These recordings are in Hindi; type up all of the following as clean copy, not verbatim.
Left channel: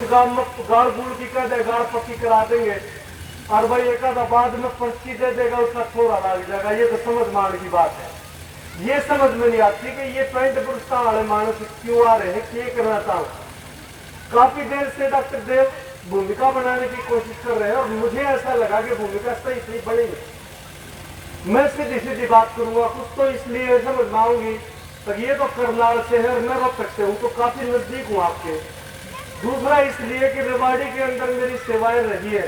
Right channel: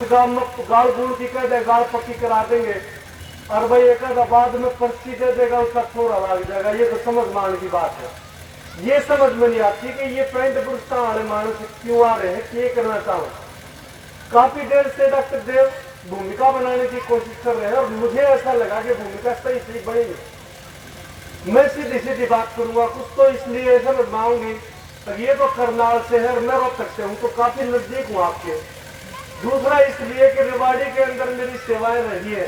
गाड़ गुड़ की कह दे, गाड़ पक्की करा देंगे और भाई एक बाद में पर्ची दे देगा, उसका थोड़ा लग जाएगा। ये तो समझ मान की बात है। ये समझ में नहीं आती कि ये पैंट पुरस्कार वाले मानस क्यों आ रहे हैं, क्या करना चाहूँ। काफी देर से डॉक्टर देव भूमिका बनाने की कोशिश कर रहे हैं और मुझे ऐसा लगा कि भूमिका सही सही बनेगी। मैं सीधी सीधी बात करूंगा, कुछ तो इसलिए समझ में आऊंगी। तो ये तो करनाल शहर में रोहतक से हूँ, तो काफी नजदीक हूँ आपके। दूसरा इसलिए कि रेवाड़ी के अंदर मेरी सेवाएं रही है।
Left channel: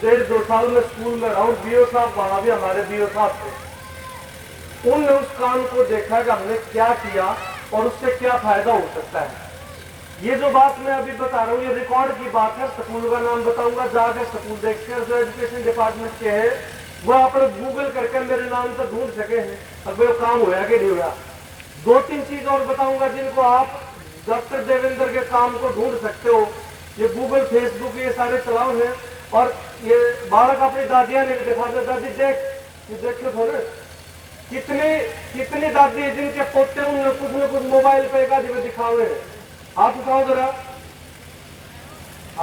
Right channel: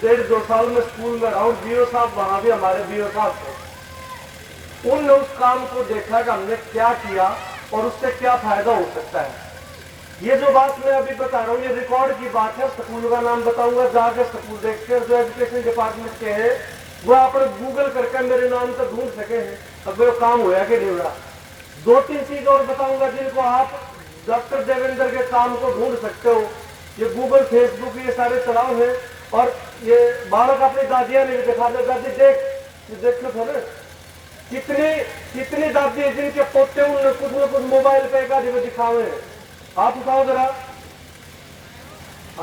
1.5-2 साल में स्कूल में रहा हूँ। बीओ साहब वहां भी हमारे बीओ साहब थे। उनने उस काम को देखा कि हमने क्या किया और उससे क्या फायदा हो सकता है। ये जो बात मैं अभी बता रहा हूँ ये रिकॉर्ड की बात है। स्कूल का नाम बताऊंगा, जाके स्कूल देखते हैं जो एजुकेशन डिपार्टमेंट के हैं, वो आपने गूगल करके मेरे नाम से ढूंढ सके हैं। अब वो काम होया कि नहीं हुआ। 2-3 चीज और बताऊंगा जिनको आप डॉक्टर देवेंद्र के काम को ढूंढ सकते हो। ये गूगल फेसबुक ये सारे चलाओ है। और ये बालक अपनी दादियां ने दिखा दे, दादी देख, देखो थोड़े कितनी दादी है जिनके पोते उन्होंने कुछ न कुछ मोबाइल पे एक आदमी दिखावे हैं। हाथ उठाओ जरा।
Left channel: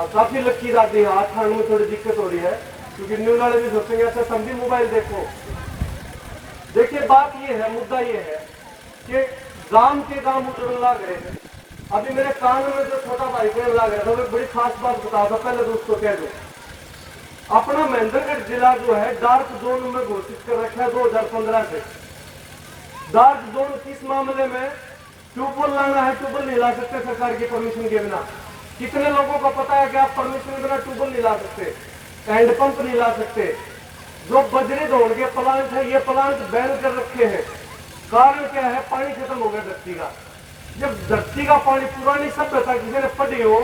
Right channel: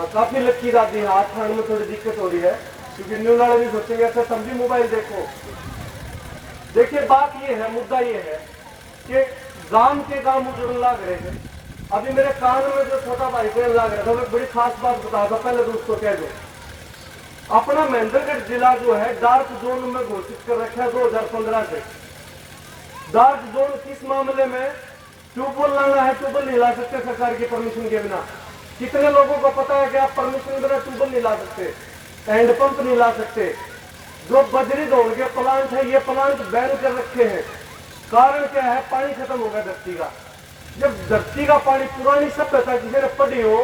काफी लक्की दादी है, हाथ खाने में थोड़ी दिक्कत हो रही है क्योंकि न्यू वाले भी सोचेंगे ऐसा तुम भी मोबाइल देखो। देखिए बात ये है, मुद्दा ये है कि गांव के गांव उजड़ने लग रहे हैं। अभी मेरे कान में जो छोटा भाई कहने लग रहा था वो बड़ी खास बात बता था, पहले तो उसको कह दो। अपना महेंद्रगढ़ जिला जो है डार्क जोन में घोषित कर रखा है 2015 से। डार्क जोन किस मामले में? ट्यूबवेल लाना है, ट्यूबवेल नहीं ला सकते सरकार की परमिशन के बिना। कितने लोगों को पता है कि आप परमिशन बिना ट्यूबवेल नहीं ला सकते, हैंडपंप नहीं ला सकते। जो बजरी धोने के प्लांट है ये प्लांट बैन कर रखे हैं। कारण क्या है? पानी खत्म हो गया धरती का। जब धरती का पानी पुरानी सभ्यता किसी ने पढ़ी हो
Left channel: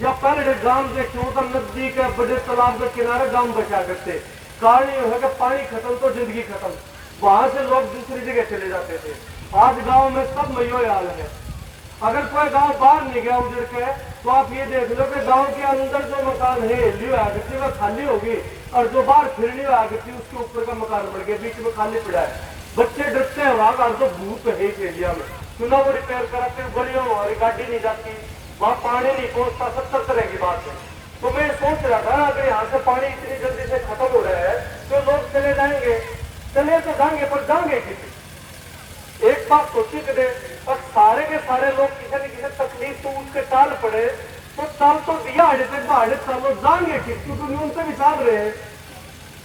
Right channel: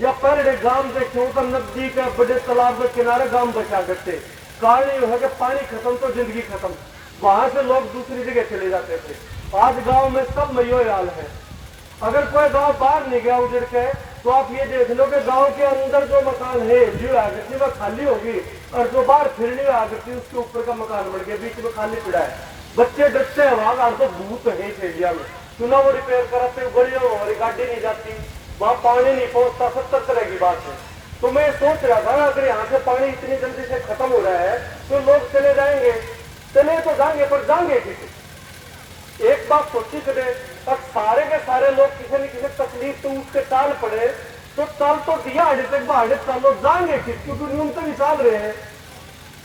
या पहले गांव देखे हो तो नदी के बड़े तालाब के किनारे गांव बचा करते। कारण ये है कि पानी खत्म तो जिंदगी खत्म, वहां से लोग दूसरी जगह चले जाते थे। आज गांव में सब में यो हाल है। अगर कोई गांव बाहर नहीं गया उधर के तो आप ये देख लो कि गांव के अंदर जो मकान है लियो आकृति वो खाली होगी और जो बाहर फिरनी आकृति उसके ऊपर का मकान बढ़ गया, बीच में खाली पड़ा है। बच्चे डरते हैं वहां तो भूत है इस एरिया में, क्यों वो रिपेयर करते गलियों हमारी गाड़ी नहीं जाती, वहां पानी नहीं पहुंचता। 70 तरह की बात है। तो मैं सोच रहा था अगर यहाँ से पानी इतनी जल्दी से खत्म हो रहा है तो लोग चले जाएंगे, चले तो जाएंगे पर जाएंगे किसी। एक बात सोची करें, अब सारे के सारे लोग किसी न किसी तकलीफ तो उसके टाल पड़े तो चाल तो दिया आड़े तक बाढ़ चालो जाएंगे किस, क्योंकि न्यूनतम ही चाल रहे हैं।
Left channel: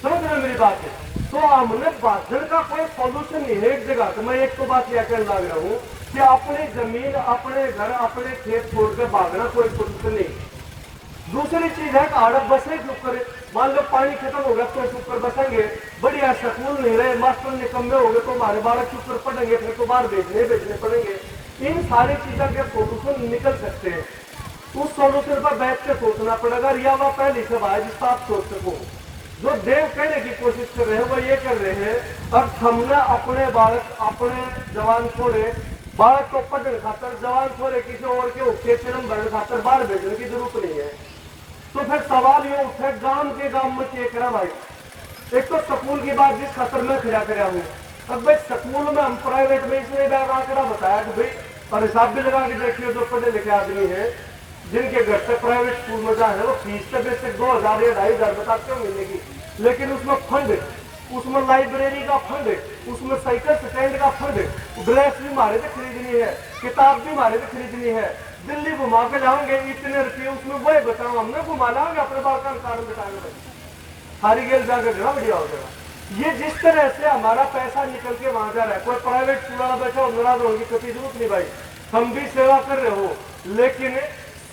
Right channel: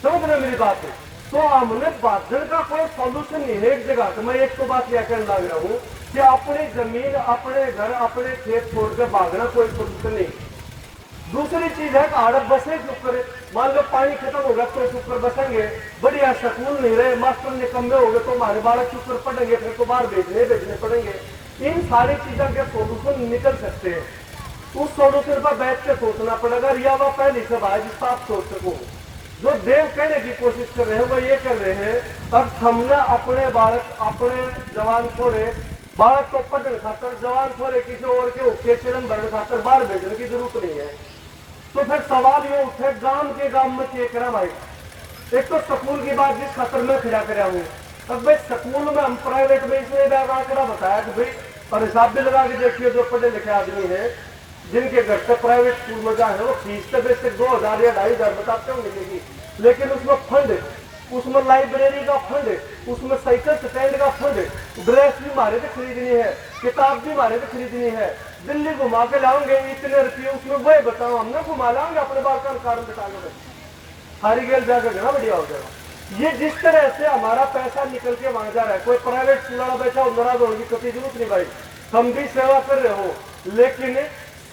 समझ रहे मेरी बात है। तो हमने भाषण का कोई सॉल्यूशन नहीं है एक जगह। तो मैं एक तो बात यह कहने लग रहा हूँ कि अपनी जमीन, अपने घर, अपने खेत छोड़ कर भागना कोई सॉल्यूशन नहीं। दूसरी चीज है कि आड़त बसे चुप करे। मान लो पानी खत्म हो गया तो चुप कर बसेंगे, बढ़िया स्कूल नहीं रहे, मास्टर निकम्मे हो गए तो हमारे बालक चुप कर पढ़ेंगे, फिर तो बाहर भेजने पड़ेंगे। इन सारी चीजों के सोल्यूशन निकल सकते हैं। उस सोल्यूशन पर बैठ के सोचना पड़ेगा। या वह पहली सभा है जिसका आप सोच सको। जो देव कहने की कोशिश कर रहे हैं वो ये कर रहे हैं अब हमने अपने बालक, अपने जवान छोड़े, बालक को पढ़ने खातर, जवान छोड़े किसी और के उठे चरम भरने खातर बाहर भेजने की जरूरत नहीं है। तो फिर सवाल ये उठे गांव के गांव में चेक करा भाई। एक तो स्कूल की बात जिस खतर में फिरा कर हूँ। अब भाई स्कूल में हम प्राइवेट में इसलिए बैग आंकड़ा बताया कि भाई और हिसाब भी लगा के देखिए जो पढ़े लिखे आदमी है जिनके घर से प्राइवेट स्कूल में जाए वो फीस तो बेसिक 2000 या 2500 बताते होंगे मिलेगी, लेकिन उसमें फंड, उसमें लाइब्रेरी का फंड, उसमें साइकिल स्टैंड का फंड, ड्रेस भी मारे थे खरीदनी है, किताब भी मारे थे खरीदनी है। दिल्ली घुमा के लाओगे इतने रुपये, उसमें वही बताओ हमने घुमा लाओगे अपने बाल का कारण बताने हारी गेल जाकर घना बढ़िया हो जाएगा। ये जिस तरह से हमारा पैसा निकल के वहां जा रहा है, कोई प्राइवेट स्कूल वाला बैठा हो नाराज होने की कभी जरूरत नहीं भाई। हम भी सेवा कर रहे हो, लेकिन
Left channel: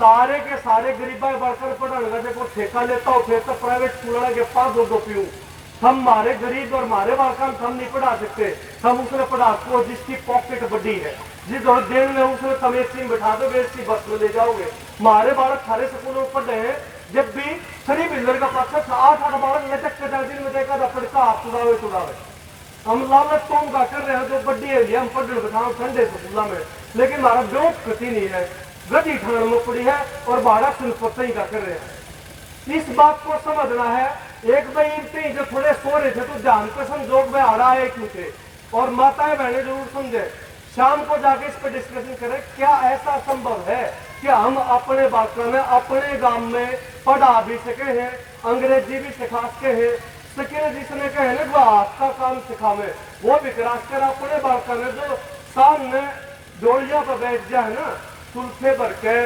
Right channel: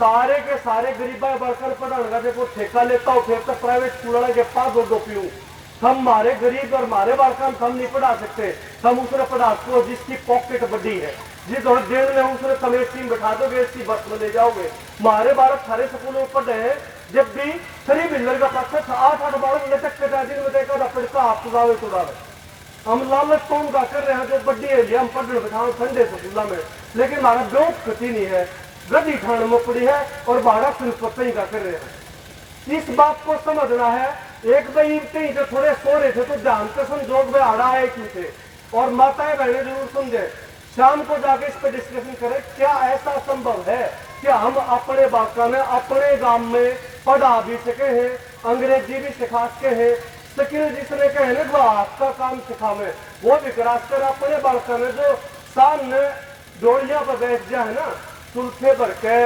सारे के सारे गरीबा बढ़कर पढ़ाने देखो ठेका लेता हो, फिर तो प्राइवेट स्कूल वाले के पास दो पीऊं। हम हमारे गरीब और हमारे बालकान हम नहीं पढ़ा सकते। हम उसने पढ़ा को जिसकी पॉकेट बड़ी है, जिस देर में उसने तमेसी में बैठा दोगे, इसकी बस में ले जाओगे। हमारे बालक सारे स्कूलों में पढ़ रहे हैं, जब भी 3 व्हीलर का पाछा 8-8 बालक लटक पे जाती में देखा था पढ़ता आप चुरावे। हम लालच कौन का कर रहे हैं जो बड्डी है हम पढ़ने बैठा ठंडे स्कूलों में, लेकिन हमारा ब्योट कति नहीं है, गदी ठाण में पड़ी है और बाड़ा सुनपत्ता ही का कर रहे हैं। इस बात को समझना है। एक भाई जो थोड़े सो रहे थे तो ध्यान से समझो भाई आ रहा है क्यों थे, और माताएं बहने जरूर समझे। शाम को जाके इस पर डिस्कशन करें, क्या ऐसा संभव है कि हम अपने बाका में अपने गांव में पढ़ा भी सके हैं, अंग्रेजी भी सिखा सके हैं, स्किल जिसने कहे वो हाथ का काम सिखावे वो भी करा कर अपने बाका में जो सामने डोलिया पर बैठ जाए ना सुल्फे भर के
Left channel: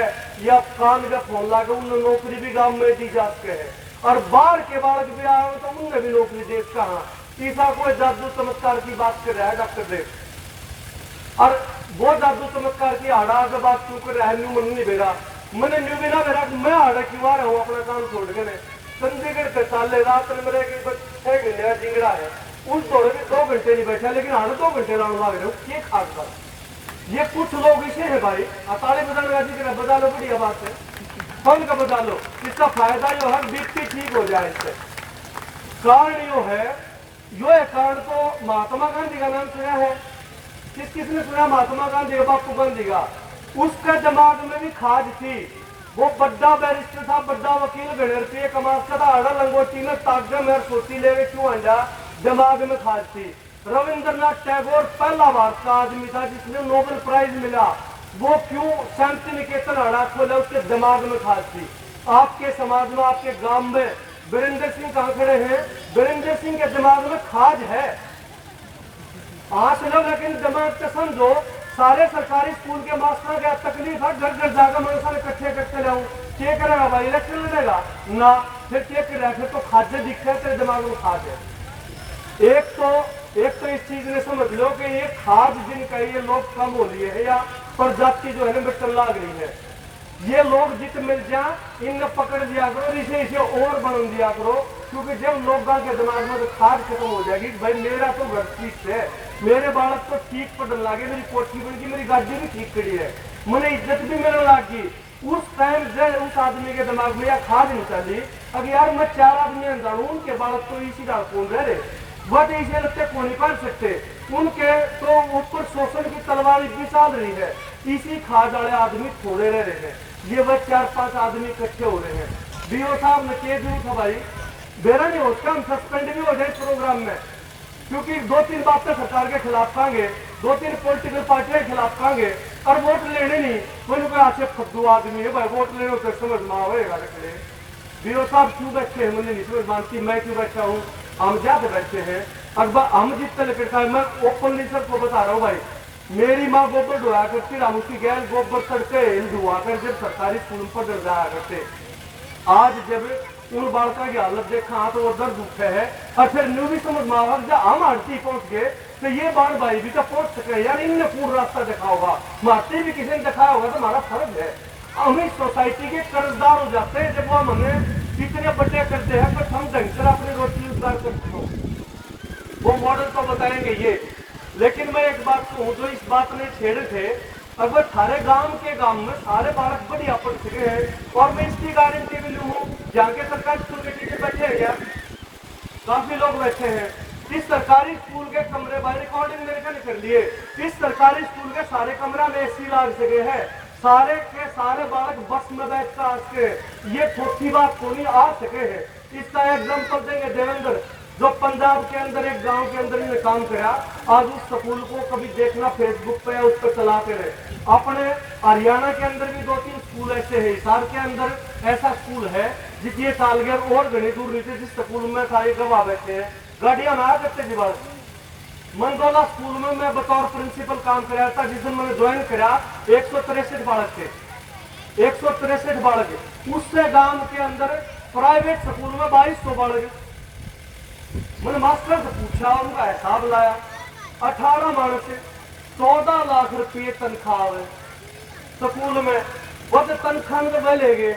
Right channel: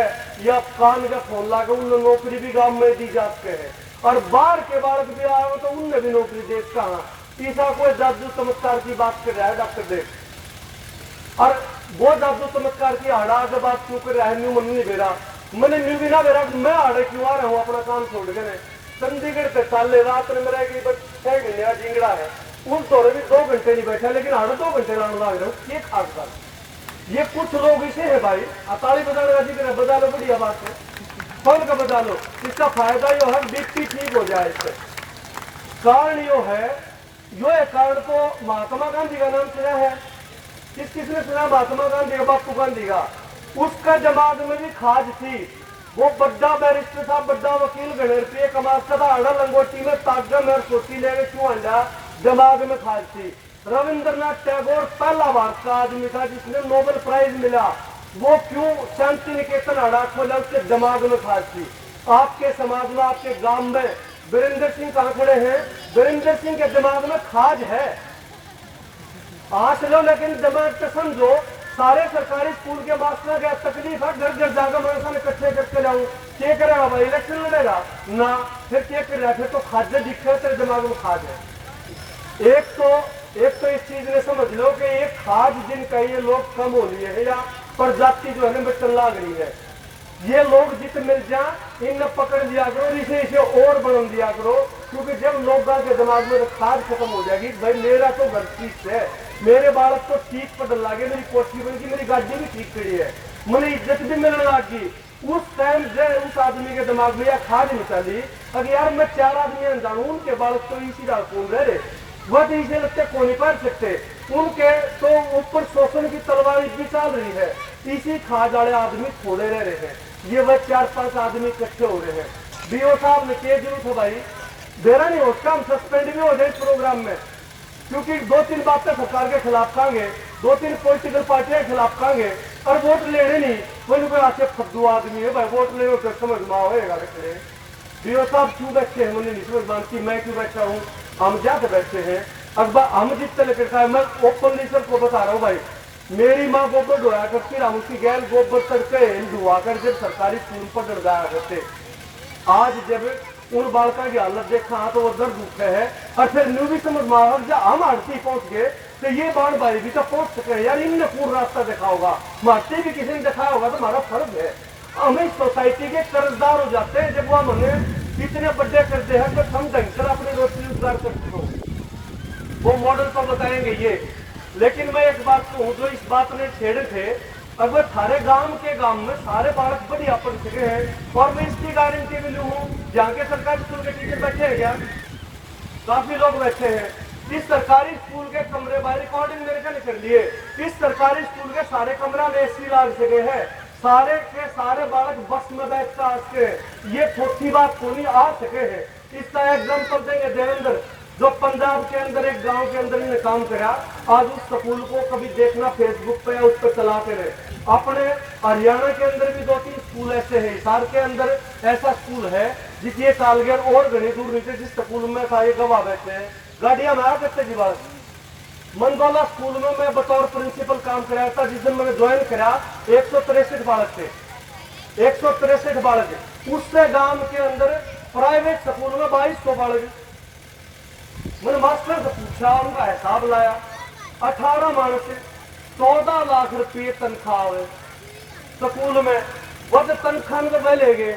या कान का फोन लाके उन्हें नौकरी भी गांव में दी जा सके है। और बाहर के बालक भी आओ तो उनने भी नौकरी दे कहा तीसरा कोई जादू चमत्कार की बात कर रहा है डॉक्टर देव। और वो जादू चमत्कार की हाड़ा से बात क्यों कर रहा है, न्यू मन नहीं बेरा मैंने न्यू बिना बेरा मैं हाड़ा क्यों आ रहा हूँ अपना काम छोड़ के चंडीगढ़ से साले रात में मेरे 6 महीने का जिंगड़ा है उस दौरे में 2 घंटे नहीं बैठा लेकिन हाड़ा 2 घंटे लाने लग रहे हो। ये खास बात ये कुछ लोग इसे है भाई ताली बजाने का जिक्र है, बजा लो बढ़िया बात है, फल का बजा लो, इसका फायदा यो है बीपी ठीक हो जाए इससे। कारण यो है कारण तो महात्मा गांधी का नाम सुना है, किसने सुना महात्मा गांधी का, बापू गांधी का। उसका दिमाग में भी खाज थी, वो बड़ा बैरिस्टर था, बड़ा वकील, घने रुपये कमाता था, अड़ा लंगोटी में ताजा मेर सोती ले क्यों अंडा, दिमाग में खाज थी। रविंद्रनाथ टैगोर पहला भारत का आदमी था जिसने नोबेल प्राइज मिला, वो क्यों शांति निकेतन अड़ा खोला, उसके दिमाग में खाज थी। आपके समाज में आपके गांव में वीरेंद्र सिंह कहां खड़े हैं, वीरेंद्र सिंह के दिमाग में खाज है, आंच लो लेकिन दिमाग से समझो। सारे सरकारी स्कूल के मास्टर का तकलीफ है, घर घर जाकर मैं इकट्ठे करके लाऊं, क्या करेगा भाई, इलेक्शन लड़ेगा ना, फिर क्या कर रहा है, फिर तो खाद दिखे तेरे दिमाग में खाद है। एक तो इस चीज ने समझ लो कि ये खाद जिनका ये लोग कम हो लिए है या प्रजाति जो है ना मिटन लाग रही है, ये लोग जित मिल जाए इन पकड़ लिया करो, इसे और बन दिया करो, क्योंकि जब लोगों के दिमाग में खाद खत्म हो जाएगी, भाई मेरा तो घर ठीक है, मेरे बालक तो ठीक पढ़ने लगे, मेरी कोठी बन गई, मेरी गाड़ी भी ठीक खड़ी है, मुझे इज्जत भी मिलने लगी, उस टाइम जब उस आदमी के दिमाग में यह खाद नहीं चली, अगर यार मैं 4 आदमी अनजान हूं, उनके बालक तो इसी दाल कौन रह रहे, वह तो इसे लगते को नहीं पढ़ सकते, उनके तो ऊपर शोषण की तलवार भी चल रही है, इसी खाद वाले आदमी थोड़े रह रहे हैं, ये वह 4-5 आदमी इकट्ठे हो रहे हैं। बीओ साहब ने क्या जरूरत है भाई, बेरा नहीं होता हम सस्पेंड भी हो जाए इस प्रोग्राम में, क्योंकि 2-3 बातें सरकार के खिलाफ कहेंगे, 2-3 पॉलिटिकल पार्टियों के खिलाफ कहेंगे, और वोट लेने नहीं, कोई कोई अच्छे फद्दू आदमी है भाई, वोट लेने तो समझ में आएगा रखने। बीओ साहब क्यों बैठे हैं मुझे नहीं समझ मानती, मैं क्यों बैठा हूँ, हम ज्यादा बैठे हैं, अखबार हम जितने लेकर खाए, मैं ओपनली सबको बता रहा हूँ भाई, मेरी माँ गोबर ढोया करती, हम उसकी गैर गोबर तड़के ढुआ कर जब सरकारी स्कूल पर डर जाया करते, आज जब उन बालका की हालत देखा तो वो दर्द उठे है, और फिर न्यू भी समझ में आवा जब हम आरती पहुंच गए तो ये बाण भाई भी तो पहुंच सके, यार इनने पूर्ण रास्ता देखा होगा, मारती भी किसी ने दिखाया होगा, तो हमारा फर्ज है, हम इस सोसाइटी के कर्जदार हो जाते हैं जब वो हमें इतने बड्डे करते हैं, तो हम ढंग से अपनी रोटी रोजगार करते हो, वो मॉडल तो बताएंगे ये। लेकिन मैं एक बात कहूँ, जो इस बात में छेड़े थे, अब वो सारे गांव में सारे बालक बढ़िया पढ़ सके हैं, और मैं इसकी गारंटी भी लूँ, जहाँ के सरकारी स्कूल के टीचर बैठे हैं क्या, काफी लोग बैठे हैं, इस सरकारी स्कूल के कमरे बाहर रिकॉर्डिंग मेरे का कर लिए, इस सरकारी स्कूल के सारे कमरा में AC लाग सके है, सारे के सारे बालक बस में बैठकर आ सके, ये छोटी बात को नहीं आ सके है। इसका एग्जाम्पल देंगे देवेंद्र, जो पंजाब के अंदर एक गांव के अंदर इन्हें काम करा, आज उस स्कूल को कभी देखना फेसबुक पे या उस पर चलाते रहे। अपने हरियाणा के अंदर भी 2-3 स्कूल ऐसे हैं, हिसार के अंदर ऐसा स्कूल है जिसकी सालगिरह और घनी दूर नीचे, जिस स्कूल में सारे गवाह बैठे हैं, गाड़ियां में आ करते जी बालक। मंदोला स्कूल में मैं बतौर प्रिंसिपल काम कराया था, जिस दिन मैंने ज्वाइन करा 163 बालक थे, 163 बालक, उससे गांव के अंदर प्राइवेट स्कूल में 2200 बालक। मैंने मास्टर से पूछा, उनका हिसाब लाया, 18 मानस 14 लाख रुपये तनख्वाह है स्कूल में, वह तनख्वाह में वह ले गए।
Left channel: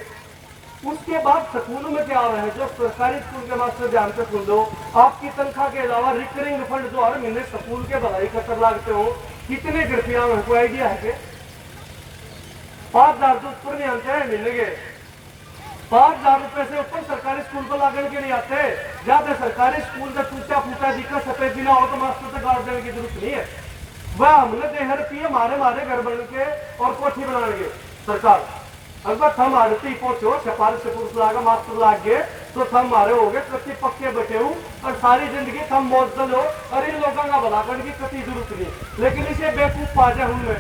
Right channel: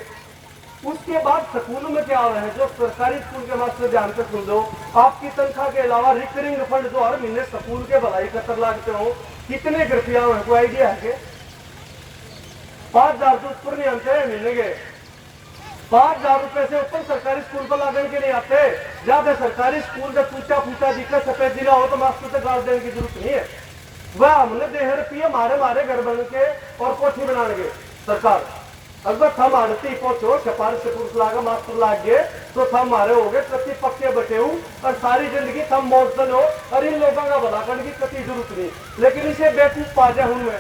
उसके बाद स्कूल में क्या हो रहा है, जो सरकारी स्कूल के मास्टर ध्यान से सुन लो, आपकी तनख्वाह के अलावा रिकरिंग फंड जो हर महीने स्कूल के भलाई खतर लागते हो, कितने रुपया है, कोई आइडिया है? 5000 तो ऊपर नहीं आते हैं महीने के, 5000 रुपए से ऊपर सरकारी स्कूल पर लागण के नहीं आते। ज्यादा सरकारी स्कूल का टूटा फूटा दिक्कत सफेद जिला हो तो मास्टर से गाड़ देने की जरूरत नहीं है, वह हमने 10 रुपये मारे घर बन के और कोठी बनाएंगे सरकार। अगर थम आड़ती पहुंचो सिफारिश से पुरुष लागा मास्टर लाग गए तो थम मारे हो गए कति पक्के बटे हूं और सारी जिंदगी थम मौजल हो और इन लोगों का भला करने की कति जरूरत नहीं। लेकिन इसे बेवकूफ पा जाए हूं मैं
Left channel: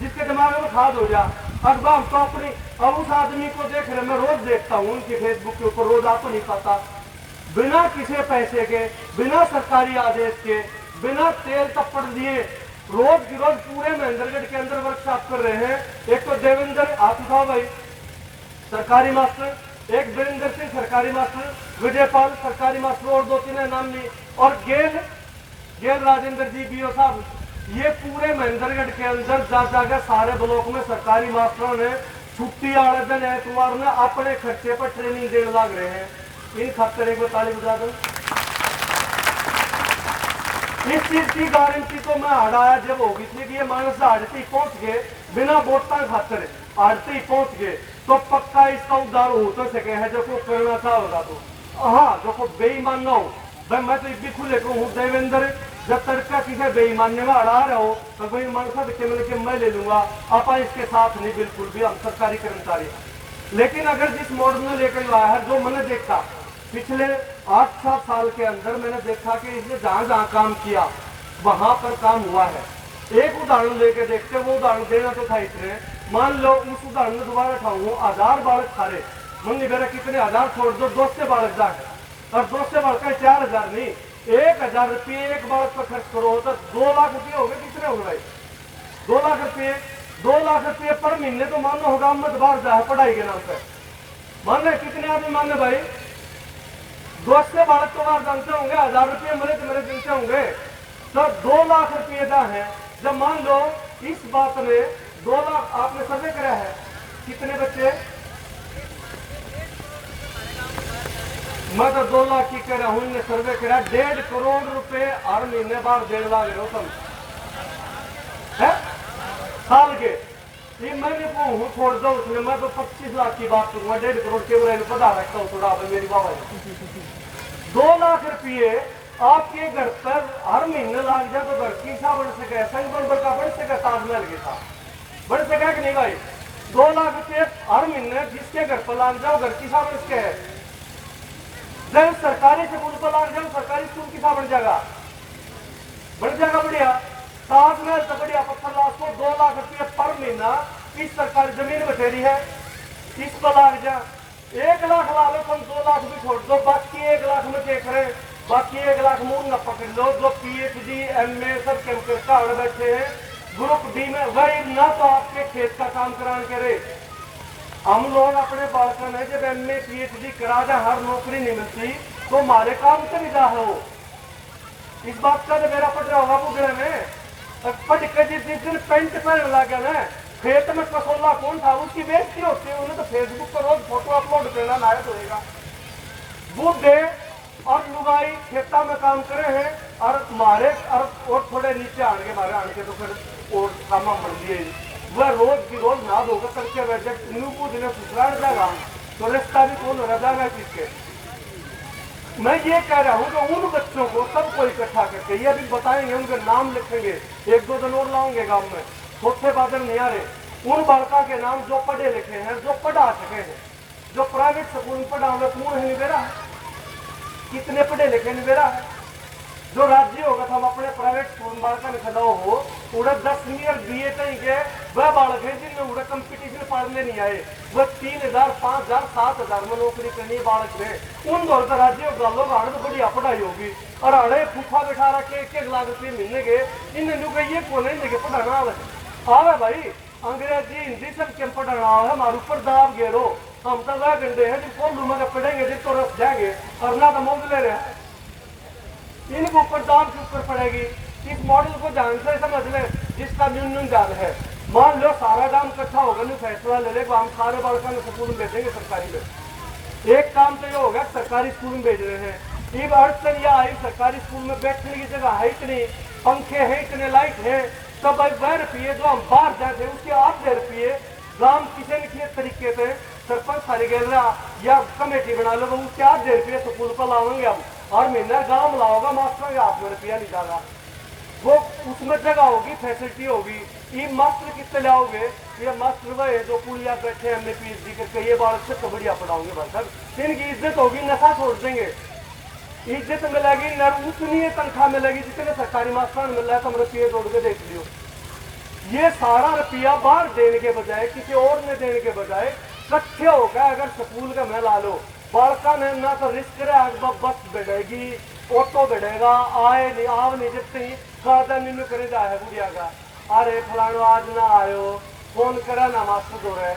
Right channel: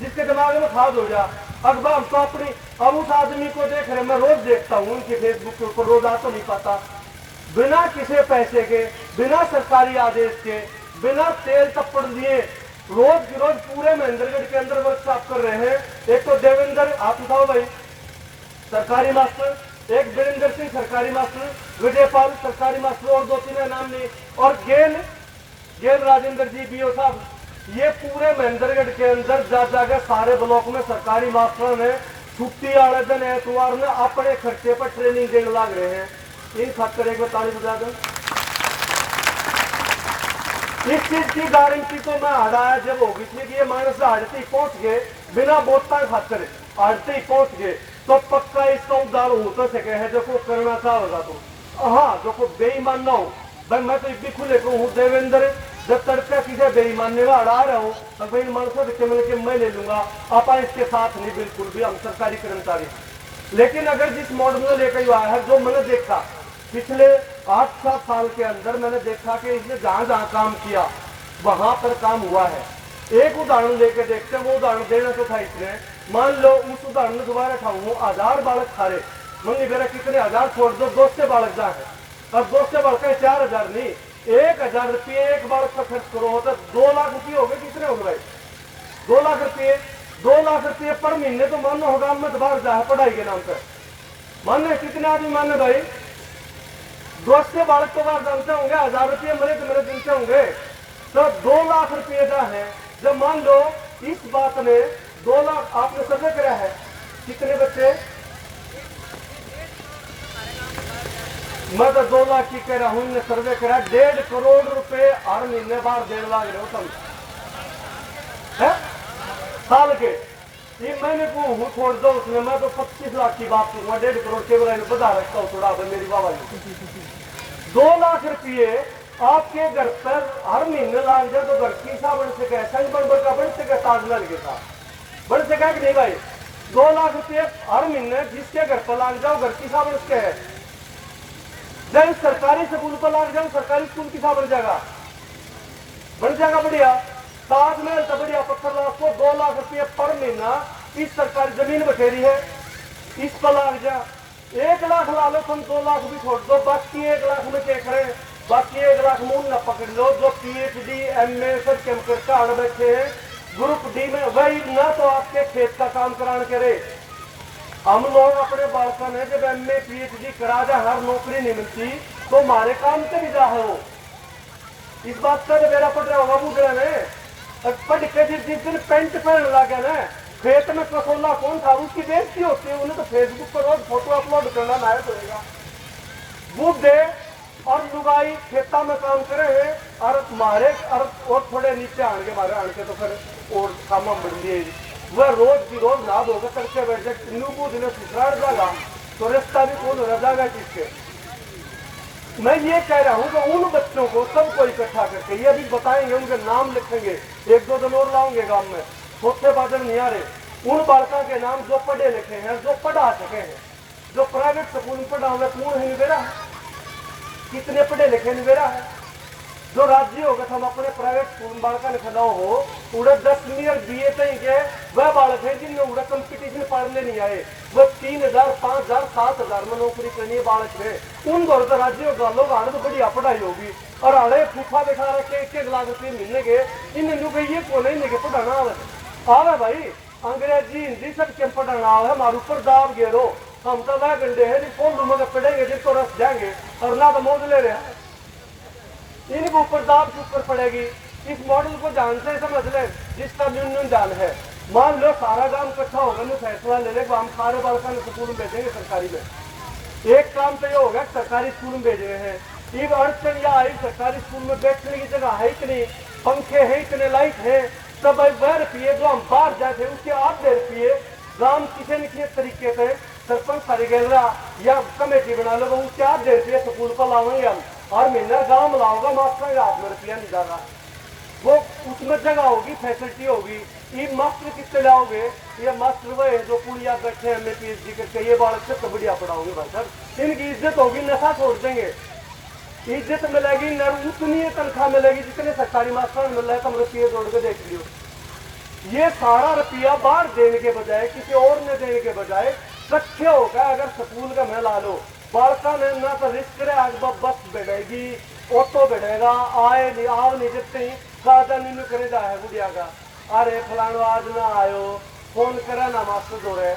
जिसके दिमाग में खाद हो जा। अखबार हम तो अपनी अब उस आदमी को देख रहे, मैं रोज देखता हूँ उनके फेसबुक के ऊपर, रोज आ तो नहीं पाता, बिना किसी पैसे के, बिना सरकारी आदेश के, बिना तेल तप्पड़ लिए रोज की रोज पूरे महेंद्रगढ़ के अंदर वर्कशॉप कर रहे हैं। एक तो देवेंद्र आप उठाओ भाई सरकारी मास्टर, एक वीरेंद्र सिंह सरकारी मास्टर, विजयपाल सरकारी मास्टर और 2-3 नाम लिए, और गेल राजेंद्र जी बीओ साहब, ये पूरे महेंद्रगढ़ के अंदर जा जाकर सारे ब्लॉक में सरकारी मास्टरों ने छुट्टी वाले दिन एतवार में अपने खर्चे पर ट्रेनिंग देने लग रहे हैं। इन खातर एक ताली बजा दो। इस चीज की गारंटी तो मैं हटाया जब होगी थी कि ये मानस आड़ती पहुंच गए बिना वोटा खातर आड़ती पहुंच गए तो पक्का इसका उद्धार हो तो सके है जो को करना चाहोगा तो। हाँ जो बेईमान ना हो भाई, मैं तो इतनी खुले हूँ देवेंद्र, जब तड़का किसी बेईमानी में अड़ा रहा हो तो भाई मनसा के मैं ले लूंगा, आप इसके साथ नहीं बिल्कुल भी, हम सरकारी कर्मचारी। लेकिन अगर जिस मॉडल में लेकर आया है, जो मैंने देखा पिछले 8-7 साल के अंदर मैंने देखा कि इसने जहां जहां काम किया वहां पर काम हुआ है। एक उदाहरण लेके देखते, वो उदाहरण देना तो था इसने, मान लो उस उदाहरण में दोबारा उठाऊंगा, 1000 बालक थारे मन मेरा कितने 1000 छोड़ दो, 200 बालक जा है और 200 बालक 4000 नहीं, 1000 रुपये एक बालक पर खर्च करो तो 2 लाख रुपये हो गए। कितने हो गए भाई? 2 लाख रुपये, 2 लाख रुपये पर महीने तो मानो होगा मत बाहर जा है पढ़ाई के नाम पर। माने कितने आदमी माने भाई? 200 बालक तो बाहर जानते होंगे, 1000 रुपये मेरे दिन से होंगे तो 2 लाख रुपये का है। जब मान लो इस बात में 2 लाख आपने सर्वे करा है, कितने बच्चे? मैं तो 2 लाख की कह रहा हूं, ने सर्वे करा 1.5 करोड़ रुपए हर महीने बाहर देने लग रहे हो तुम है साल के। ये मैंने को हूँ छोड़ दो उसमें, मैं तो 25 लाख की बात करूंगा, 1.5 करोड़ के बता रखता हूँ थोड़ा मेरी बाबा। 2 लाख रुपये आपके घर पर हर महीने लाग जाए तो घर की हिसाब बढ़ सके, बढ़ सके, ताजमहल के साथ बढ़ सका कि नहीं भाई? 2 लाख रुपये हर महीने जिसके घर पर लाग जाओ घर की हिसाब बढ़ सके है। जब सरकारी स्कूल पर लाग जाओ सरकारी स्कूल की हिसाब बढ़ जाएगा बढ़िया। ताजमहल तो बढ़िया पत्थर लाख को 2 लाख रुपये पर महीना इस सरकारी जमीन बटेरी है, इस पर लाग जा 1 लाख ला लो तुम, 2 लाख भी छोड़ दो, बाकी 1 लाख में क्या करें? बाकी 1 लाख मूल न पकड़ लो, जो PhD MA सब करता अड़ बैठे हैं ग्रुप D में, वही ना तो आपके खेत का काम कराने के रे। हम लोग अपने बालकों में जब MA PhD करा जा हर नौकरी नहीं मिलती तो हमारे काम से भी जा हो। इस बात का मेरा पढ़ रहा होगा बुगड़े में, पढ़ के जिस दिन पेंट पहन लगे ना खेत में कसोला कौन था उसकी बेइज्जती होती है, उन्हें तो फेसबुक पर रोज फोटो अपलोड करना नायक होगा। बुढ़े और लुगाई खेता में काम करे हैं और मारे और थोड़े नीचे आन के मारे आन के तो फिर और काम बढ़ लिए वह रोज की रोज ना धोकर करके बैठे दिन सुसराड़ जाएगा तो रिश्ता भी कौन रह जाएगा किसके। मैं ये कह रहा हूँ कि उन बच्चों को सबको इकट्ठा करके ये भी बताएंगे, उनके नाम लिखेंगे, 1-2 दिन और लाऊंगे गांव में, छोटे बादल नहीं आ रहे, उन बालका के नाम जो पढ़े लिखे हैं, जो पढ़ा सके हैं, जो प्राइवेट स्कूल में पढ़ा हुए कौन है निवेरा है? कितने पढ़े लिखे निवेरा है? जो राज्य होगा हम अपने प्राइवेट स्कूल में बालका ने खड़ा हो उड़ा 10वीं और BA तक के वह बालक है जिनने उड़ा कंपटीशन पढ़ने नहीं आए, वह 3000, 5000, 7000 में नौकरी करनी है बालक में। उन दौर पर राज्य गालों का तो बढ़िया पढ़ाई होगी और अड़े फूफा बैठा रखे 1-1 लाख रुपये मिलने के इन ये को नहीं लेके पढ़ाना आ रहा भाई, अंग्रेजी हिंदी सब के पढ़ाना है हमारे ऊपर दाब गेरो। हम तो वह गंडे हैं जिनको पढ़ेंगे जिसको रस जाएंगे और ना तो मोद ले रहे हैं, इनके ऊपर दाम के ऊपर पड़ेगी। इस मॉडल को ध्यान से समझ ले जिसका न्यूनतम दाम है। मान लो सारा दाम इकट्ठा होगा ना फैसला ले ले हम सारे बालकों स्कूल में भेजेंगे सरकारी में। एक काम तो ये होगा सरकारी स्कूल में भेज रहे हैं, एक अड़चन यह आई सरकारी स्कूल में बैठने की जगह है इतनी, पंखे है इतने, लाइट है, तो भाई वह रुपये जो हम बाहर जाते उसके 8 रुपये गांव किसी न किसी तरीके से सरपंच सारी गहरा या कमेटी बना लो उसके 8 रुपये स्कूल पर लाएंगे हम और महीना गांव में लाओगा मास्टर के हाथ में रुपया नहीं जाएगा। वो उसमें जगह होगी, फैसिलिटी होगी। ये मास्टर कितने लाओगे? ये मास्टर वह जो पुलिया बैठे हैं, हमने पीएचडी करके ये बालक से कबड्डिया पढ़ाओगे बस, इनकी इज्जत होगी, नशा छोड़ देंगे, इज्जत मिलेगी न उतनी तनख्वाह मिलेगी जितने सरकारी मास्टर मिल रहा है। तुम रुपये जोड़ के देख लियो, ये सारा रुपया बाहर देने के बजाय, किसी और ने देने के बजाय इकट्ठे होगा अगर स्कूल का मैं ला लो, बालका ने ना तो रिस्क रहा, बस बढ़ेगी, ऑटो बढ़ेगा, आए नहीं आव नहीं जितने खादा नहीं करेगा है बुढ़िया का, अरे फलानो आज ना आयो, फोन करे ना मास्टर दो रहे,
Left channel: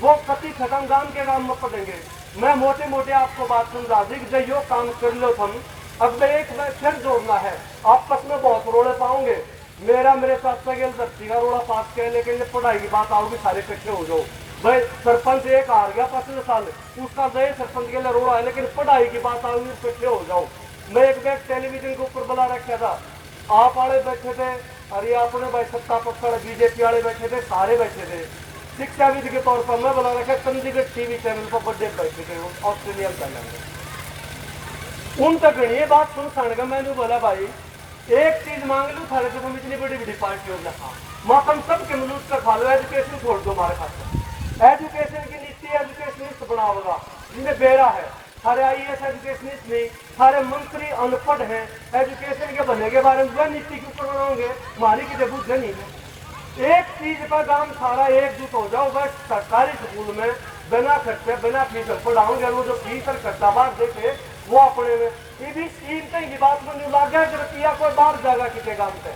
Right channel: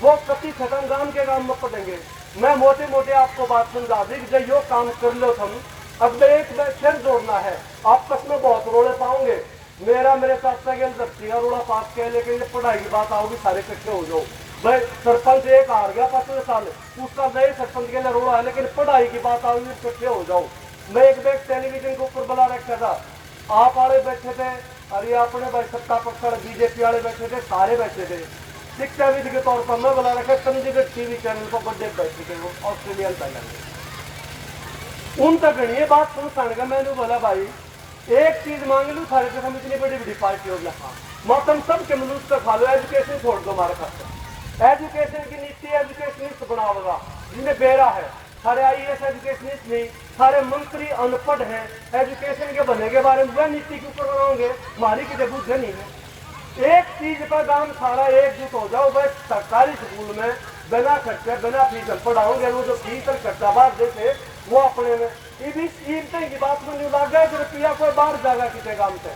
वो कति खत्म गांव के गांव में पड़ेंगे। मैं मोटे मोटे आपको बात समझा दी कि जब यो काम कर लो तुम, अब एक फिर जोड़ना है, आपस में बहुत रोड़े पाओगे, मेरे चाचा के धरती का रोड़ा पास के, लेकिन ये पढ़ाई की बात आओगी सारे इकट्ठे हो जाओ। भाई सरपंच एक हार गया पिछले साल, उसका नए सरपंच के लिए रोड़ा है, लेकिन पढ़ाई की बात आओगी इकट्ठे हो जाओ। मैं एक बैग टेलीविजन के ऊपर बुला रखा था, आप वाले बैठे थे, अरे आपने भाई सत्ता पक्ष वाले बीजेपी वाले बैठे थे, सारे बैठे थे। शिक्षाविद के तौर पर मैं बुला रखा चंडीगढ़ टीवी चैनल पर बड़े बैठे थे, वो ऑस्ट्रेलिया पहले उन तक ये बात सुन का मैंने बोला भाई एक चीज मांग लू थारे के, हम इतनी बड़ी बड़ी पार्टी हो लखा मातम सब के मनुष्य का खा लो, एजुकेशन छोड़ दो हमारे खाते, एजुकेशन की नीति एजुकेशनिस्ट बनाओगा जिनमें बेरा है, सारे IAS एजुकेशनिस्ट नहीं, सारे मंत्री अनपढ़ हैं, एजुकेशन के बनने के बारे में वह नीति के ऊपर बनाओगे, हमारी की बुद्ध नहीं है। एक चीज पर दाम सारा एकजुट हो जाओ, वह सरकारी स्कूल में बिना खर्चे बिना फीस पढ़ाओगे, वो जो फीस और खर्चा बात देते वो अपने में ये भी कीमतें की बात में नहीं लग गया कि रुपया कोई बाहर जाएगा किसी गांव से,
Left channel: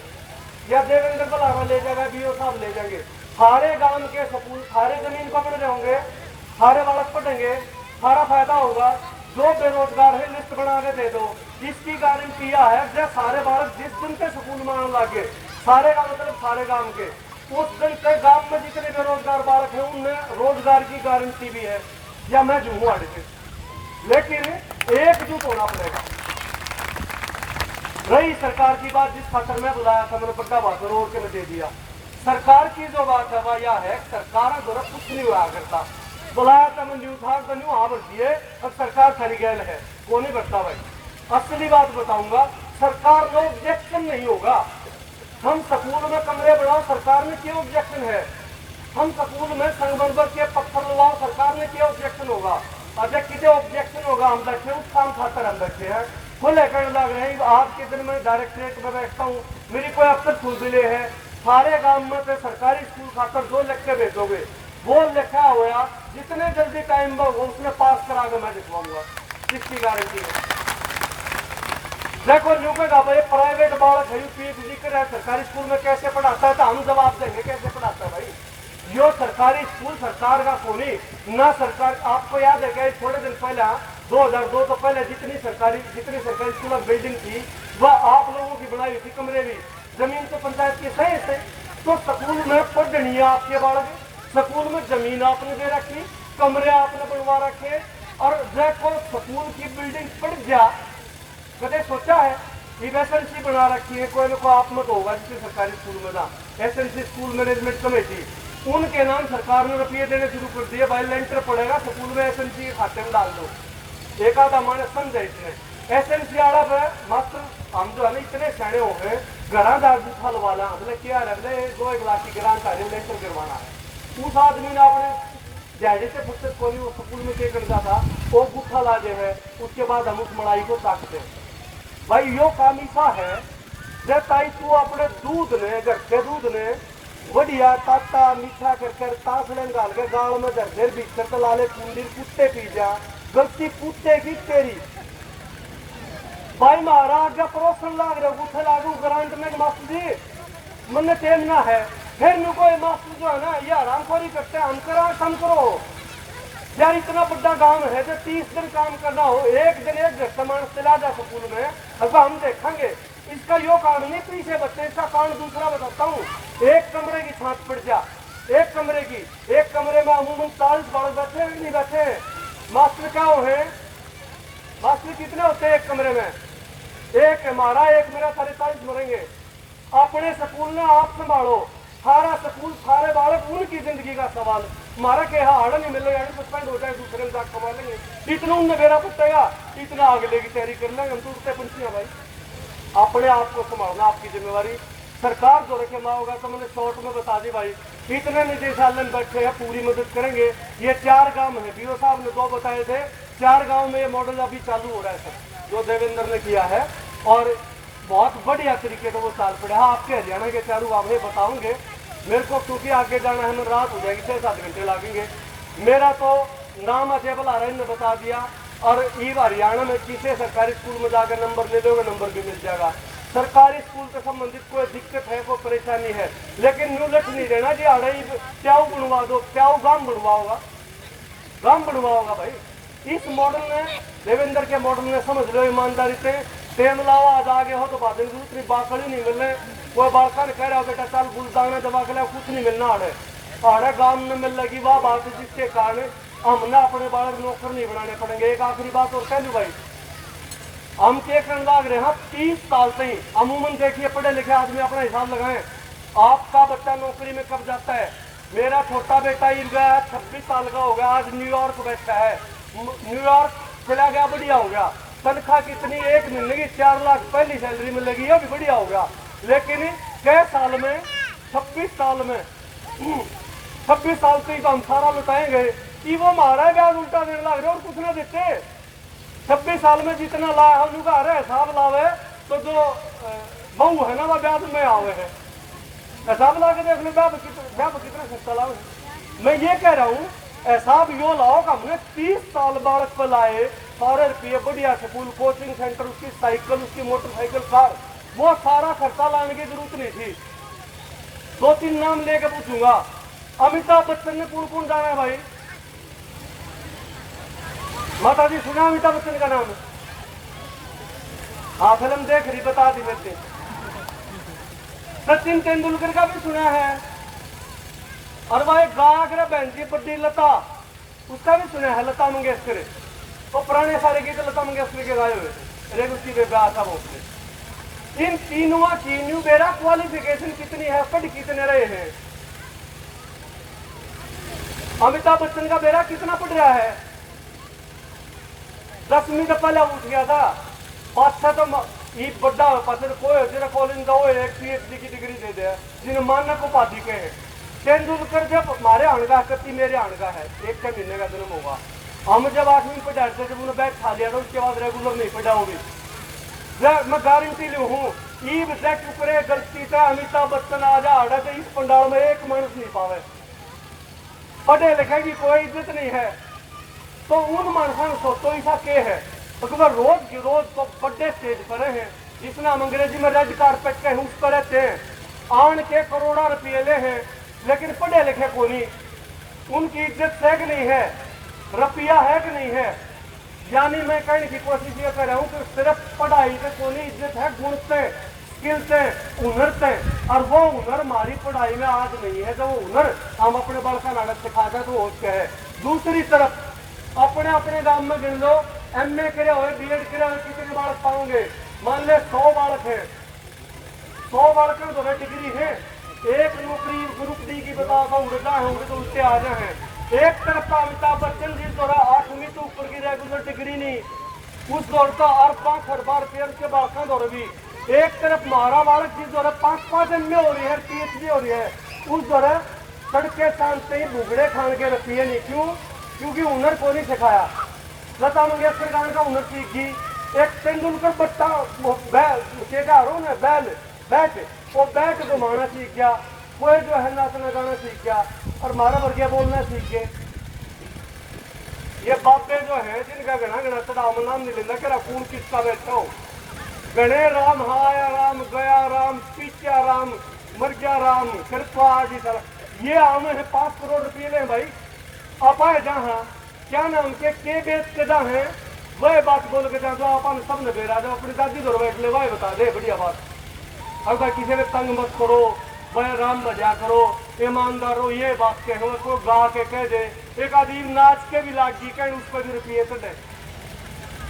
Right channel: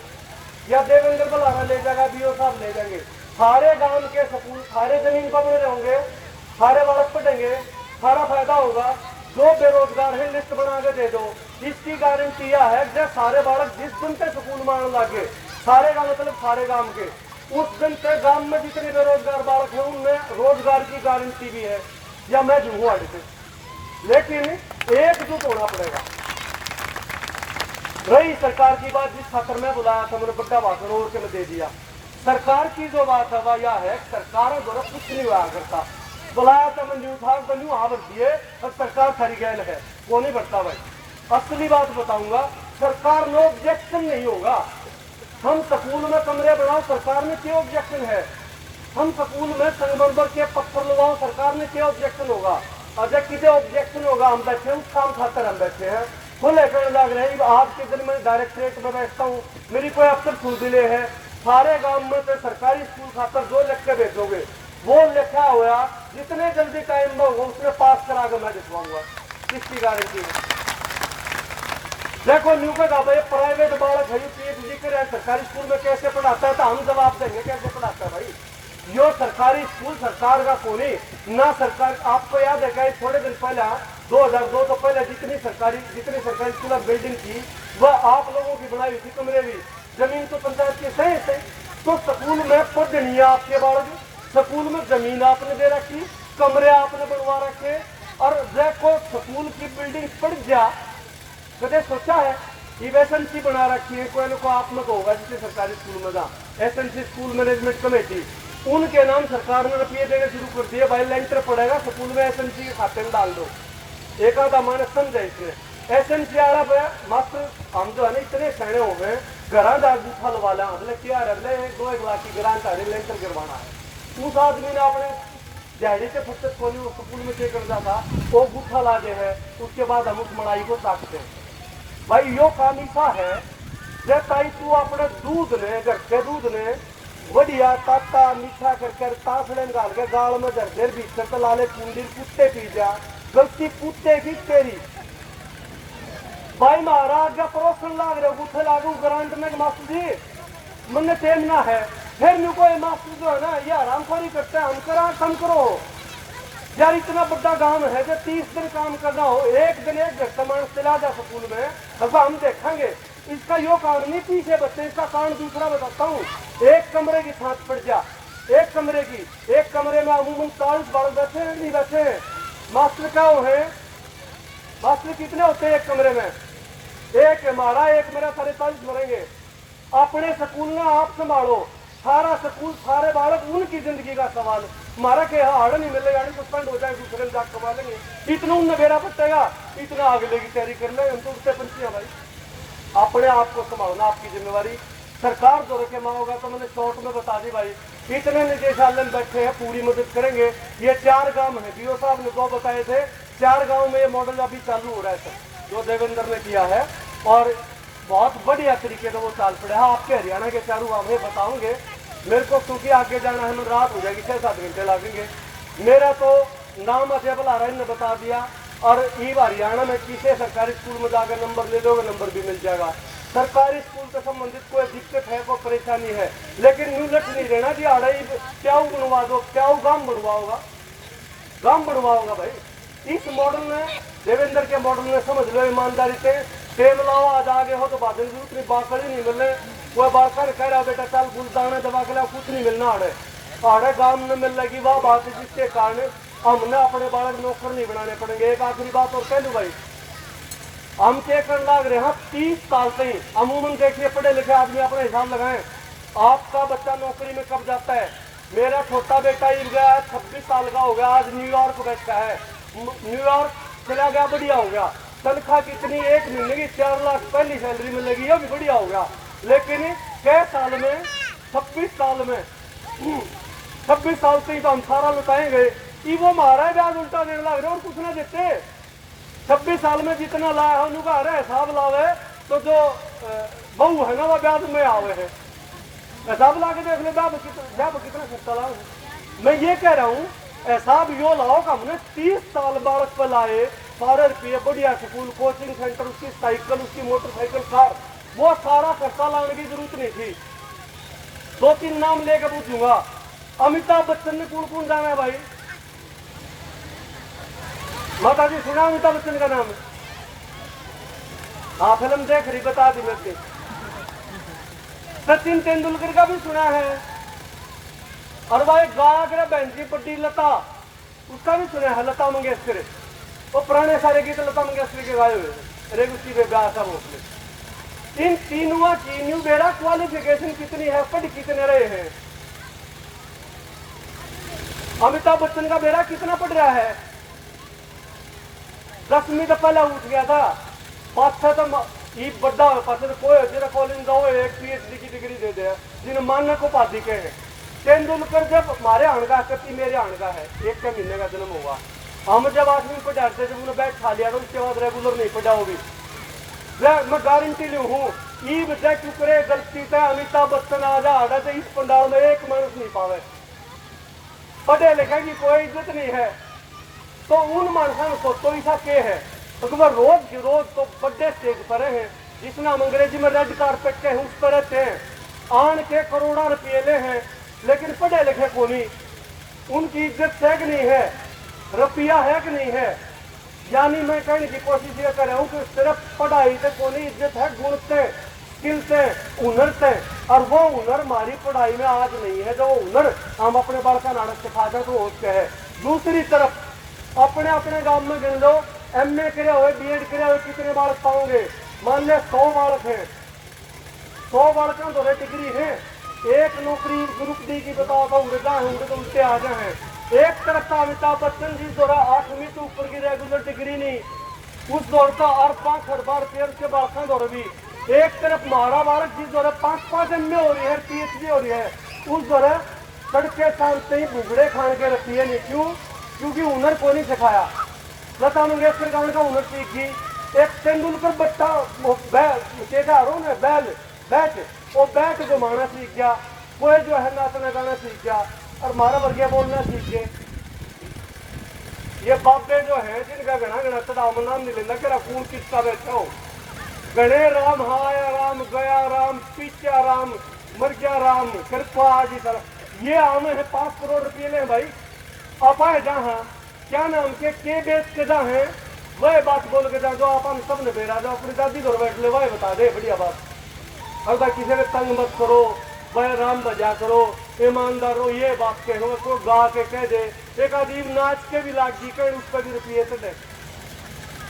या देवेंद्र बलाना ले जाएगा, बीओ साहब ले जाएंगे, सारे गांव के स्कूल सारे जमीन पर बने रहेंगे, सारे बालक पढ़ेंगे, सारा फायदा होगा। जो बेरोजगार है लिस्ट बना के दे दो, इसकी गारंटी यह है कि सारे बालक जिस दिन से स्कूल में आने लगे, सारे गांव मतलब सारे गांव के, उस दिन से गांव में जितने बेरोजगार बालक हैं उनमें रोजगार की गारंटी भी है, या मैं जुम्मू आड़े से, लेकिन एकजुट होना पड़ेगा। रही सरकार की बात, जिस खातर में बुलाया था मैंने बड़ा भाषण और के दे दिया, सरकार की जो बात है वह यह है सरकार द्वारा कुछ नहीं हुआ करता, बुलाया था मैं न्यू था बनू हाँ दिए और सरकार सारी गैल है, वो नहीं बढ़ता भाई। असली बात बताऊंगा, सरकार में ऑब्जेक्शन नहीं होगा, हम स्कूल में कमरे बनाओ सरकार में क्या ऑब्जेक्शन है, हम स्कूल में संगबंबर के पत्थर लगाओ सरकार में क्या ऑब्जेक्शन होगा, अगर किसी ऑब्जेक्शन होगा हम बैठे उस काम खातर हम बैठे हैं, खुले कहने लग रहे हैं। आज के दिन में डायरेक्टरेट में बैठता हूँ, मेरी कोई अफसर सुनबिले है, सारे गांव में से सरकारी स्कूल खातर जो लिख के भेजोगे वो लिखा हुआ जितने जल्दी टाइम में हो उसमें पास करा के मैं दिखवाऊंगा, किसकी गारंटी है। देखो न्यू का प्राइवेट बालक है PhD करे सरकारी स्कूल में कैसे पढ़ाता है, तो हम जवाब देंगे कैसे पढ़ाता है भाई। यो सरकारी स्कूल सरकार का कोनी ना, सरकार आपको याद है क्या थोड़े दिन पहले 2002 तो पहले जितनी सरकारी स्कूल बिल्डिंग थी वह आप लोगों की बनाई हुई थी, कमरे भी जमीन तो पंचायत के सही थे, तो स्कूल में पढ़नी है आपके बालों की, स्कूल में जमीन आपने दे रखी, कमरे आपने बनवा रखे, और देखो स्कूल की बिल्डिंग पड़ जा, कदे सोचा है SNC बना रखी है, कोई ना कोई आप में होगा जिससे सरकारी स्कूल में जा SNC स्कूल मैनेजमेंट कमेटी, उनके नाम सरकार ने रुपये देने शुरू कर दिए, भाई लेंटर पड़ेगा स्कूल में SNC खाते में डाल दो, एक आधा मैंने समझा इसमें SNC वाला पे मास्टर हम जो है ना इतने सैने हो गए, घरा दाग बूथा लवा ला, हमने क्या रहे 2-1 लाख की ग्रांट आ रही लेंटर करवाना है, उस आदमी ने अपने जहाजे से फुर्सत को नहीं, वो स्कूल में क्या करता था वो बूथा ला दे है, उसके बाद हम उस मड़ाई को ताकते हैं। भाई यो काम ऐसा है जैसा तू अपने दूध ने घर के दूध ने बढ़िया ताता मीठा कर तासड़े डाल के गाल में दर्जर बीच कर लाले कुंडी कुत्ते पी जा, गलती कुत्ते की तेरी भाई महाराज जब परोसन लाग रहे गुथे लागू ग्रांट में मास्टर जी मन टेमना है, फिर नु कोई मास्टर जो है ना ये हरामखोरी करते हैं, हम करा कम करो यार, इतना बड़ा गांव है जो 30 दिन काम करना हो, एक दिन एक घंटा मानस चला जा स्कूल में, अब हम देखेंगे इसका यो कारण नहीं पीछे बच्चे, इसका कारण दूसरा बताता हूँ। एक कमरे की छात पड़ जा, एक कमरे में अमूमन 40 बालक बैठे हैं नहीं बैठे हैं, मास्टर क्या है, मास्टर कितने होते हैं एक कमरे में, एक हमारा एक मेरा 43 मरेंगे। अपने स्कूल में आप संभालो, सारा स्कूल सारे बालक उनकी जिंदगी का सवाल, हमारा क्या हाड़ नहीं मिले यानी सस्पेंड हो जाए, दूसरे में जाकर कमा लेंगे, इतना उनने बेरा पटेगा, इतना अगले की तैयारी कर लेंगे, हम तो उठते पंछी भाई। अपने आप को संभालना आपकी जिम्मेवारी, सरकार जो रखे माँ होगा तो मैंने शॉर्ट में बता दी भाई, इतने निदेशालय में बैठे हैं, पूरी मदद करेंगे। ये 4 गांव है, बीओ साहब ने 2 बताए थे, 4 गांव में ये मॉडल अभी चालू हो रहा है सर, जो देवेंद्र ने किया है, और बहुत बढ़िया तरीके से वो चाल पड़े। हाँ, आपके हरियाणा के 4 गांव में बताऊंगे, मेरे को क्योंकि आगे जाना है, मैं रात हो जाएगी, 6-7 घंटे लगेंगे। मेरा तो नाम अजय बलाराय ने बता दिया, और ये हरियाणा में किसी सरकारी स्कूल में जाकर नंबर ले लोगे, नंबर भी मिल जाएगा। सरकारी स्कूल से संबंधित कोई दिक्कत है, कोई परेशानी है, लेकिन न्यू लट नहीं रहना जी, आड़े प्याऊ बनवा दो, प्याऊ गांव बनवाओगा, गांव बनवाओगा भाई। इस मॉडल ने, देवेंद्र के मॉडल ने, समझ लो ईमानदारी से टेम लाओ, आज आगे हो तो बाद में दूसरी बाकड़ ही नहीं मिलने। कोई बालका ने कह रहा बेटा चल गुलदाना दबा के ला, कुछ नहीं मिलना आड़े गांव में मिल लगी, वह बात है जिसके कारण हमने अपने बालक नौकर नहीं बनाने पड़ेंगे। एक आखिरी बात और कह लू भाई, हम क्या करने लग रहे हैं 30 साल से ही। अमूमन देखिए पढ़े लिखे आदमी अपना हिसाब लगाएं, आपका बच्चा नौकरी में कब जाता है। मेरा छोटा बेटा ही गया 26 साल का हो गया, आज न्यूयॉर्क बैठा है, न्यूयॉर्क चला गया, बढ़िया हो गया। तनख्वाह कितनी, 1 महीने की 4 लाख पहली सैलरी मिलेगी, यह भी बढ़िया हो गया। लेकिन कई साल में, 26 साल में, 26 साल से ही तो हम सारा लुटाएंगे कि वो हमारा ब्याज उल्टा देने लग रहे और कुछ नहीं देते। 26 साल में जितना लाया है उनका अरे हिसाब लावे तो जो बहू है ना वो ब्याज में आवे है, हिसाब ला के देख ले कितना सस्ता लाओ। मैं ये कह रहा हूँ हिसाब यो लाओ कि हमने 30 साल बालक पर लाए, सारे रुपये, बढ़िया स्कूल, कोचिंग सेंटर, उसकी साइकिल, उसकी मोटरसाइकिल, कार, वो सारा खर्चा लाने की जरूरत नहीं थी। 2-3 नाम लेके पूछूंगा, अमिताभ बच्चन में कौन कौन जाना है भाई? माता जी सुना अमिताभ बच्चन का नाम? हाँ, फिल्म देख रही, बता दी मेरे। सचिन तेंदुलकर का भी सुना है, और भाई गायक बहन जी बड्डी लता, उसका भी सुना है, लता मंगेशकर। वो पुराने सारे गीत लता मंगेशकर के गाए हुए, रेग उसकी ब्याह था वो। इन तीनों की बेरा क्वालिफिकेशन कितनी है, पढ़ कितने रहे हैं? अमिताभ बच्चन का बेरा कितना पढ़ रहा है? 10वीं तो पहले उठ गया था, 5-6 तो ये बड़ा कोई जरा कॉलेज का एक PhD की डिग्री दे दे, जिन्हें मानक उपाधि के हैं। तेंदुलकर जब हमारे आणगा कत्ती मेरे आणगा है, 1 महीने का जन्म होगा, हम जब 8वीं में पढ़ाते जब उन्होंने बैग खा लिया था, उसके बाद रेगुलर नहीं पढ़ाऊंगी। मैं गारंटी लू हूँ, ईब करे गलती से अमिताभ बच्चन आ जा आड़ा इस पंडाल में 1 मनुष्य नहीं पावे। पढ़े लिखे की कोई इज्जत नहीं है, तो उन मानसा सोचो ऐसा के है, तो वह रोज तो बड़े स्टेज पर है, जिसमें हम अंग्रेजी में रेड कारपेट के उस पर रहते हैं, आन के करोड़ों रुपये ले हैं, लेकिन पढ़े लिखे को नहीं। उनकी इज्जत है कि नहीं है, रुपया है कि नहीं है? यानी मैं कहने की कोशिश ये कर रहा हूँ कि सिर्फ पढ़ाई से को नहीं, इज्जत है गुण से, स्किल से, हुनर से, और वो हुनर हमारी पढ़ाई में आज नहीं है। जो हुनर हम अपने बालका नाटक सिखाते हैं तो वो उसके है। दूसरी तरफ अपने अपने गांव में गिन लो, MA करे हुए, BEd करे हुए कितने बालक पाओगे? मान ले 100 बालक है, 100 बालकों तो डिग्री है, एक नौकरी ग्रुप डी की बताओ होंगे तो उससे आ जाए। एक तरफ अमिताभ बच्चन जी दौरा 8वीं तो ऊपर की रेगुलर डिग्री नहीं, उस दौर तो और 5 अरबा रुपये उसके बालकों दौड़ भी। एक तरफ महारा बालक जी दौरा 5-5 MA हो रही है, PhD हो रही है, उस दौरा सड़के शांत ही भूगड़े खान के रखी है। नहीं क्यों? क्योंकि हुनर को नहीं सिखाया। लता मंगेशकर गाने का हुनर सीख गई। एक तेंदुलकर बट्टा वो बैठ जो माना सीख गया, कोई जो है नाचना गाना सीख गया, और मारा वर्गीय बोलना सीख गए। ये बाबे जो है जिनका गणा राम नाम नहीं लेना, क्या खून किसका बैठा हो, गणे राम हाया राम गया राम पीछा राम मर गया राम कृपा आदि तरह ये आम है। 5 करोड़ रुपये ले भाई, आप आए जहाँ क्या नाम के बेच के जहाँ है वह बात बोल के जाए, जो अपन सब ने बेरा जो अपनी दादी दौड़ बैठ ले वह बता दे बढ़िया बात। और भाई किसी ने तंग मत करो, वह राम बजा करो, ईमानदार हो, ये बात कहो, को गा के कह दे, एक अजीब नाच के भी लाग जी कहीं उस पर भी रुपये तो दे।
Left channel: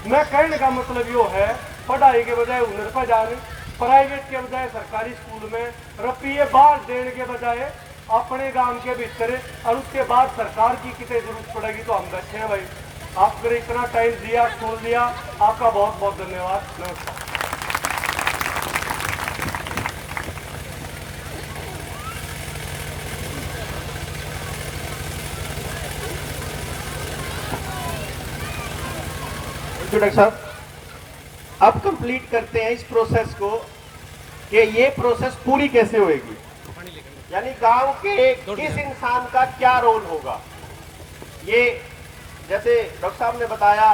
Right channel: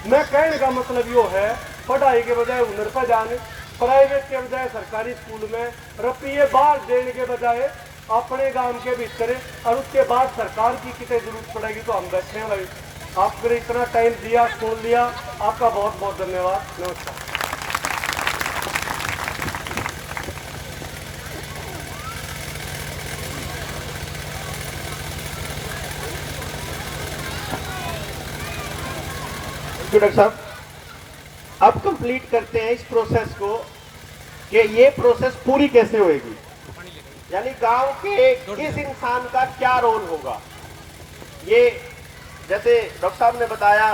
मैं कहने का मतलब यो है, पढ़ाई के बजाय हुनर पर जाने, प्राइवेट के बजाय सरकारी स्कूल में रुपये बाहर देने के बजाय अपने गांव के भीतर, और उसके बाद सरकार की कितनी जरूरत पड़ेगी तो हम बैठे हैं भाई। आपने इतना टाइम दिया, सुन लिया, आपका बहुत बहुत धन्यवाद। नमस्कार। थैंक यू डॉक्टर साहब। अब कंप्लीट करते हैं इस प्रोसेस को कि ये प्रोसेस पूरी कैसे होएगी, यानी गांव के किस इंसान का क्या रोल होगा। ये जैसे डॉक्टर साहब ने बताया